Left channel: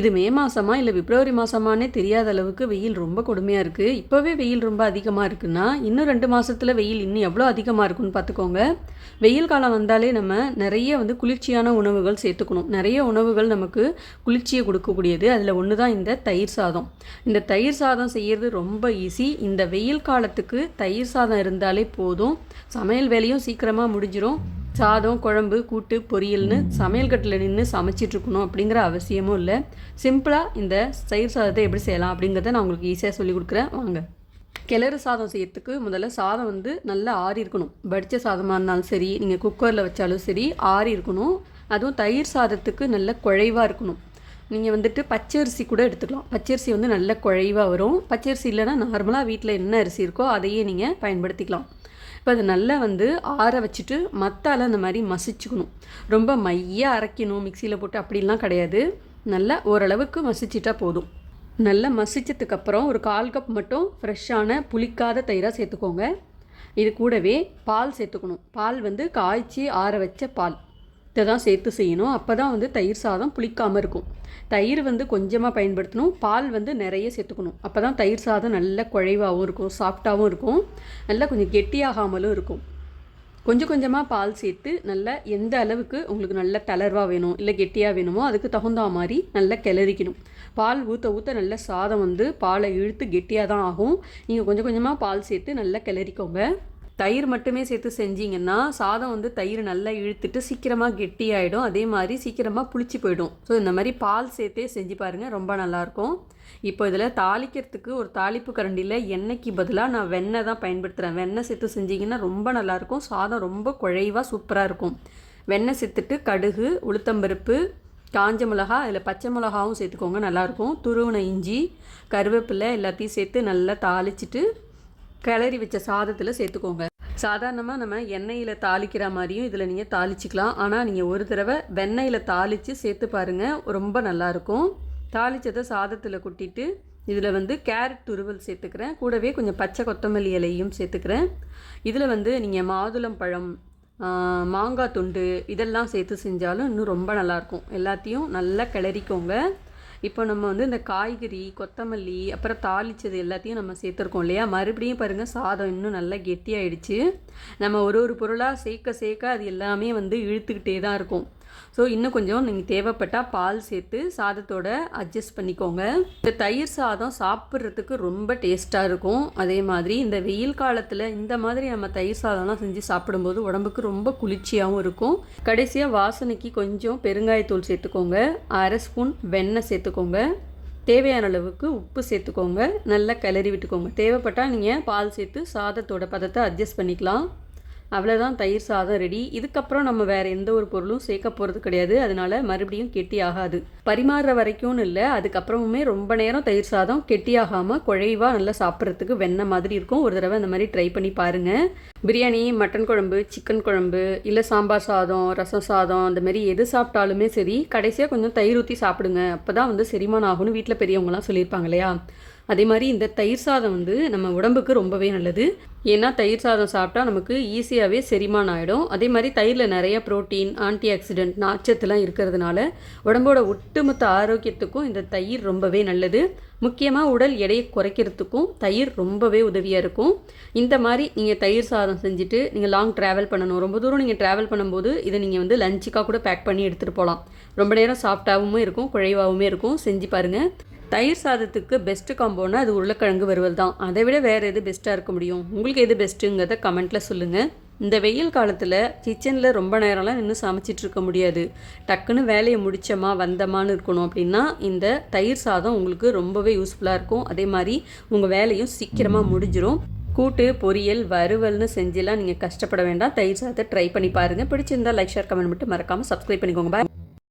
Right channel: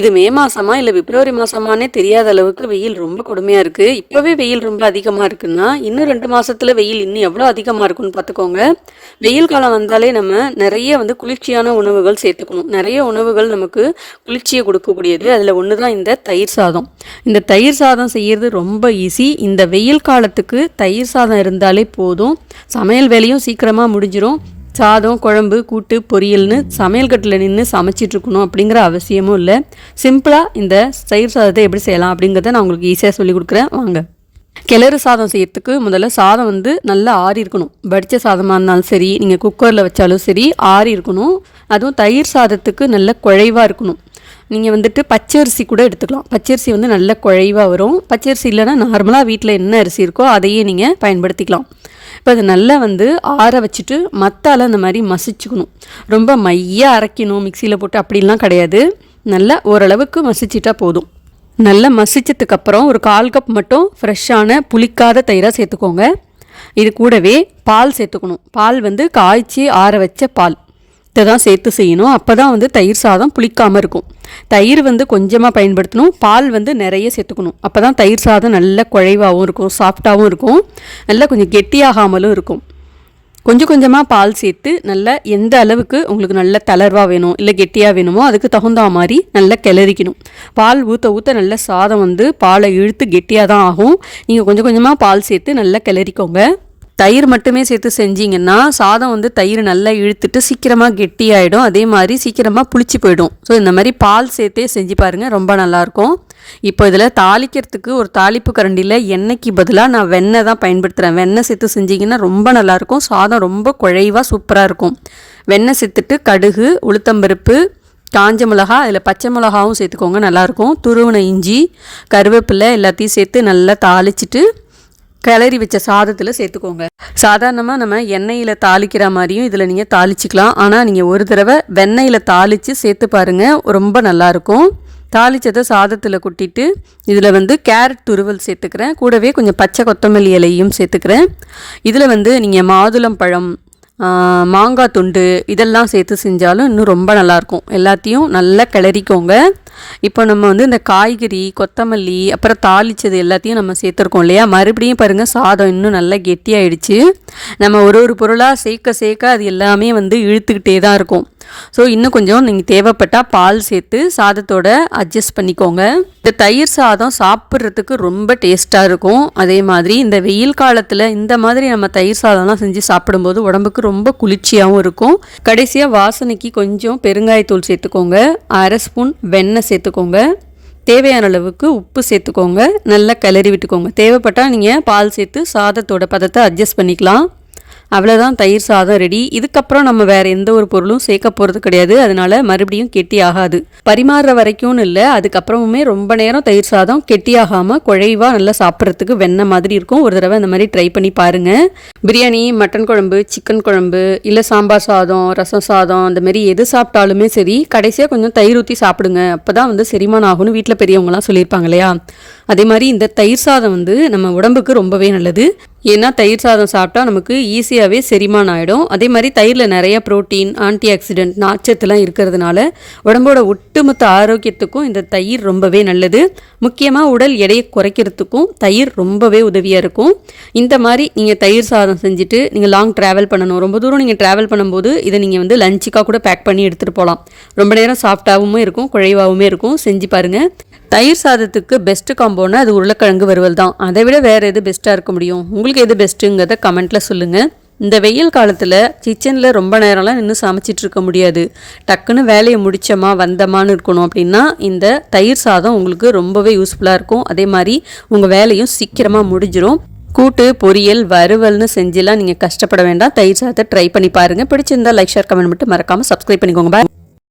இது மே மாசமா இல்ல பிப்ரவரி மாசமான்னே தெரியாத அளவுக்கு வெயில் ரொம்ப கொடுமையா இருக்கு. இப்பவே வெயில் ரொம்ப அதிகமா இருக்குன்னா, இன்னும் 2 மாசத்துல வெயில் இன்னும் எவ்வளோ அதிகமா இருக்கும்னு பார்த்துக்கோங்க. வெயில் காலம் வந்தாலே நம்ம நெறைய குளிர்ச்சியான உணவுகள் சேர்த்துக்கணும். நெறைய உணவுகள் நமக்கு குளிர்ச்சியை கொடுக்கக்கூடியது. அதில் ஒன்று தான் இந்த தயிர் சாதம். இந்த தயிர் சாதம் செய்யறது ரொம்ப ஈஸி. இந்த வெயில் காலத்துக்கு தயிர் சாதம் இருந்தாலே போதும். சமையல் வேலையும் சீக்கிரமாக முடிஞ்சிடும். சாதம், குழம்பு, கூட்டு, பொரியல்னு சமையல் கட்டில் நின்று சமைச்சிட்ருக்கணும் அப்படிங்கிற அவசியமும் இல்லை. சிம்பிளாக இந்த தயிர் சாதத்தை எப்படி செய்யலாம் அப்படிங்கிறத நான் உங்களுக்கு ஈஸியாக சொல்லி கொடுக்குறேன் வாங்க. கிளறு சாதம் செய்யறதுக்கு முதல்ல சாதம் நல்லா ஆறி இருக்கணும். வடித்த சாதமாக இருந்தாலும் சரி, நீங்கள் குக்கரில் வச்சாலும் சரி ஆறி இருக்கணும். அதுவும் தயிர் சாதத்துக்கு நல்ல குழைவாக இருக்கணும். நீங்கள் பச்சரிசி கூட எடுத்துக்கலாம். பச்சரிசி நல்ல குழைவாக வரும். பச்சரிசி இல்லைன்னா நார்மலாக வீட்டில் என்ன அரிசி இருக்கோ அதையே நீங்கள் பயன்படுத்திக்கலாம். இப்போ அது நல்லா ஆற வச்சுட்டு மத்தால் அந்த மாதிரி மசிச்சுக்கணும். ரொம்ப மையாக அரைக்கணும் மிக்சியில் போட்டு அப்படிலாம் கிடையாது. நல்லா ஓரளவுக்கு மசிச்சிட்டா போதும். நல்லா மசிச்சதுக்கப்புறம் ஒரு 1/4 கப் மட்டும் ஃப்ரெஷ்ஷான புளிக்காத தயிராக சேர்த்துக்கோங்க. இது கூடவே பால் சேர்த்துக்கணும். பால் காய்ச்சி ஆற வச்ச பால் இதை தான் சேர்த்து செய்யணும். அப்போ தான் தயிர் சாதம் புளிக்காமல் இருக்கும். தயிர் கொஞ்சமாக பயன்படுத்தணும். பால் நிறைய சேர்த்துக்கணும். அப்போ தான் தயிர் சாதம் நல்ல குழைவாகவும் இருக்கும், சாஃப்டாகவும் இருக்கும், நல்லா கொஞ்சம் கெட்டியாகாமலும் இருக்கும். கொஞ்சம் கொஞ்சமாக பால் சேர்த்து நல்லா எந்த அளவுக்கு உங்களுக்கு நல்ல தளர்வாக வேணும் இல்லை கெட்டியாக வேணுமோ அதுக்கு தகுந்த மாதிரி நல்லா கிளறிக்கணும். பால் ஊற்ற ஊற்ற நல்ல சாதம் பாலை இழுத்து கெட்டியாக தான் ஆகும். நீங்கள் கொஞ்சம் கொஞ்சமாக பால் சேர்த்து நல்லா கிளறிக்கோங்க. தயிர் மட்டுமே சேர்த்து செஞ்சிங்கன்னா சாதம் தயிர் நல்லா இழுத்துட்டு சீக்கிரமாக கெட்டியாயிடும். அதே மாதிரி சீக்கிரமாக புளிச்சு போயிடும். ஸோ இந்த மாதிரி பால் சேர்த்தே செஞ்சு பாருங்கள், ரொம்ப நல்லாயிருக்கும். இப்போ இதில் தாளிக்கிறதுக்கு ஒரு தாளிப்பு கரண்டியில் எண்ணெய்க்கு பதிலாக நான் வெண்ணெய் தான் பயன்படுத்துகிறேன். வெண்ணெய் சேர்த்து செஞ்சிங்கன்னா ரொம்ப நல்லாயிருக்கும். சாதம் ரொம்ப குழைவாக சூப்பராக இருக்கும். வெண்ணெய் சேர்த்துட்டு கடுகு, உளுத்தம்பருப்பு, காஞ்ச மிளகா, அதில் பச்சை மிளகாவும் சேர்த்துக்கோங்க, நல்லாயிருக்கும். துருவன இஞ்சி, கருவேப்பிலை எல்லாத்தையும் சேர்த்து நல்லா தாளிச்சிட்டு கிளறி வச்ச சாதத்தில் சேர்த்துக்கோங்க. சாதாரணமாக நம்ம எண்ணெயில் தாளிக்கிற மாதிரியும் இதில் நீங்கள் தாளிச்சிக்கலாம். ஆனால் நீங்கள் ஒரு தடவை வெண்ணெயில் தாளித்து சேர்த்து பாருங்கள், ரொம்ப நல்லாயிருக்கும். தாளித்ததை சாதத்தில் கொட்டிட்டு இதில் கேரட் துருவல் சேர்த்துக்கிறேன். கூடவே கொஞ்சம் பச்சை கொத்தமல்லி இலையும் சேர்த்துக்கிறேன். இதில் நீங்கள் மாதுளம்பழம், மாங்காய் துண்டு இதெல்லாம் சேர்த்து செஞ்சாலும் இன்னும் ரொம்ப நல்லாயிருக்கும். எல்லாத்தையும் நல்லா கிளறிக்கோங்க. இப்போ நம்ம இந்த காய்கறி, கொத்தமல்லி, அப்புறம் தாளித்தது எல்லாத்தையும் நம்ம சேர்த்துருக்கோம் இல்லையா, மறுபடியும் பாருங்கள் சாதம் இன்னும் நல்லா கெட்டியாயிடுச்சு. நம்ம ஒரு பொருளாக சேர்க்க அது எல்லாமே இழுத்துக்கிட்டே தான் இருக்கும். ஸோ இன்னும் கொஞ்சம் நீங்கள் தேவைப்பட்டால் பால் சேர்த்து சாதத்தோட அட்ஜஸ்ட் பண்ணிக்கோங்க. இந்த தயிர் சாதம் சாப்பிட்றதுக்கு ரொம்ப டேஸ்ட்டாக இருக்கும். அதே மாதிரி இந்த வெயில் காலத்தில் இந்த மாதிரி நம்ம தயிர் சாதம்லாம் செஞ்சு சாப்பிடும்போது உடம்புக்கு ரொம்ப குளிர்ச்சியாகவும் இருக்கும். கடைசியாக வாசனைக்கு கொஞ்சம் பெருங்காயத்தூள் சேர்த்துக்கோங்க. 1/2 ஸ்பூன் வெண்ணெய் சேர்த்துக்கோங்க. தேவையான அளவுக்கு உப்பு சேர்த்துக்கோங்க. நல்லா கிளறி விட்டுக்கோங்க. தேவைப்பட்டால் நீங்கள் பால் சேர்த்து சாதத்தோட பதத்தை அட்ஜஸ்ட் பண்ணிக்கலாம். அவ்வளோதான், தயிர் சாதம் ரெடி. இதுக்கப்புறம் நம்ம வேறு எந்த ஒரு பொருளும் சேர்க்க போகிறது கிடையாது. அதனால் மறுபடியும் கெட்டி ஆகாது. பரிமாறுற வரைக்கும்னு இல்லை, அதுக்கப்புறமுமே ரொம்ப நேரம் தயிர் சாதம் கெட்டியாகாமல் குழைவாக நல்லா சாப்பிட்றதுக்கு வெண்ணெய் மாதிரி இருக்கும். ஒரு தடவை இந்த மாதிரி ட்ரை பண்ணி பாருங்கள். பிரியாணி, மட்டன் குழம்பு, சிக்கன் குழம்பு, இல்லை சாம்பார் சாதம், ரசம் சாதம், அந்த மாதிரி எது சாப்பிட்டாலுமே சரி கடைசியாக கொஞ்சம் தயிர் ஊற்றி சாப்பிடுங்க. அப்போ தான் செரிமானம் ஆகும்னு வீட்டில் பெரியவங்களாம் சொல்லியிருப்பாங்க இல்லையா. அதே மாதிரி இந்த தயிர் சாதம் நம்ம உடம்புக்கு ரொம்பவே நல்லது. ஏன்னா தயிர் சாதம் சாப்பிட்டா நமக்கு ஈஸியாகவே செரிமானம் ஆகிடும். அதே மாதிரி தயிரில் நிறைய ப்ரோட்டீன், ஆன்டி ஆக்சிடென்ட், நார்ச்சத்துலாம் இருக்கிறதுனால உடம்போட ஒட்டுமொத்த ஆரோக்கியத்துக்கும் இந்த தயிர் ரொம்பவே நல்லது. முக்கியமாக உடல் எடையை குறைக்கிறதுக்கும் தயிர் ரொம்பவே உதவியாக இருக்கும். இந்த மாதிரி நீங்கள் தயிர் சாதம் செஞ்சுட்டு நீங்கள் லாங் ட்ராவல் பண்ணணும், ரொம்ப தூரம் நீங்கள் ட்ராவல் பண்ணும்போது இதை நீங்கள் லஞ்சுக்காக கூட பேக் பண்ணி எடுத்துகிட்டு போகலாம். ரொம்ப நேரம் சாஃப்டாகவும் இருக்கும், குழைவாகவும் இருக்கும். செஞ்சு பாருங்கள். தயிர் சாதத்துக்கு பெஸ்ட்டு காம்போனா அது உருளைக்கிழங்கு வறுவல் தான். அதை விட வேறு எது பெஸ்ட்டாக இருக்க முடியும்? உங்களுக்கு எது பெஸ்ட்டுங்கிறத கமெண்ட்டில் சொல்லுங்கள். இந்த வெயில் காலத்தில் கிச்சனில் ரொம்ப நேரம்லாம் நின்று சமைச்சிட்டு இருக்க முடியாது. டக்குன்னு வேலையை முடித்தோமா வந்தமான்னு இருக்கணும் அப்படின்னா இந்த தயிர் சாதம் உங்களுக்கு ரொம்பவே யூஸ்ஃபுல்லாக இருக்கும். அதே மாதிரி உங்கள் வேலையும் சீக்கிரமாக முடிஞ்சிடும். கூட்டு, பொரியல், வறுவல்னு செஞ்செல்லாம் நீங்கள் கஷ்டப்பட வேண்டாம். தயிர் சாதத்தை ட்ரை பண்ணி பாருங்கள். பிடிச்சிருந்தால் லைக், ஷேர், கமெண்ட் மட்டும் மறக்காமல் சப்ஸ்கிரைப் பண்ணிக்கோங்க. பாய்.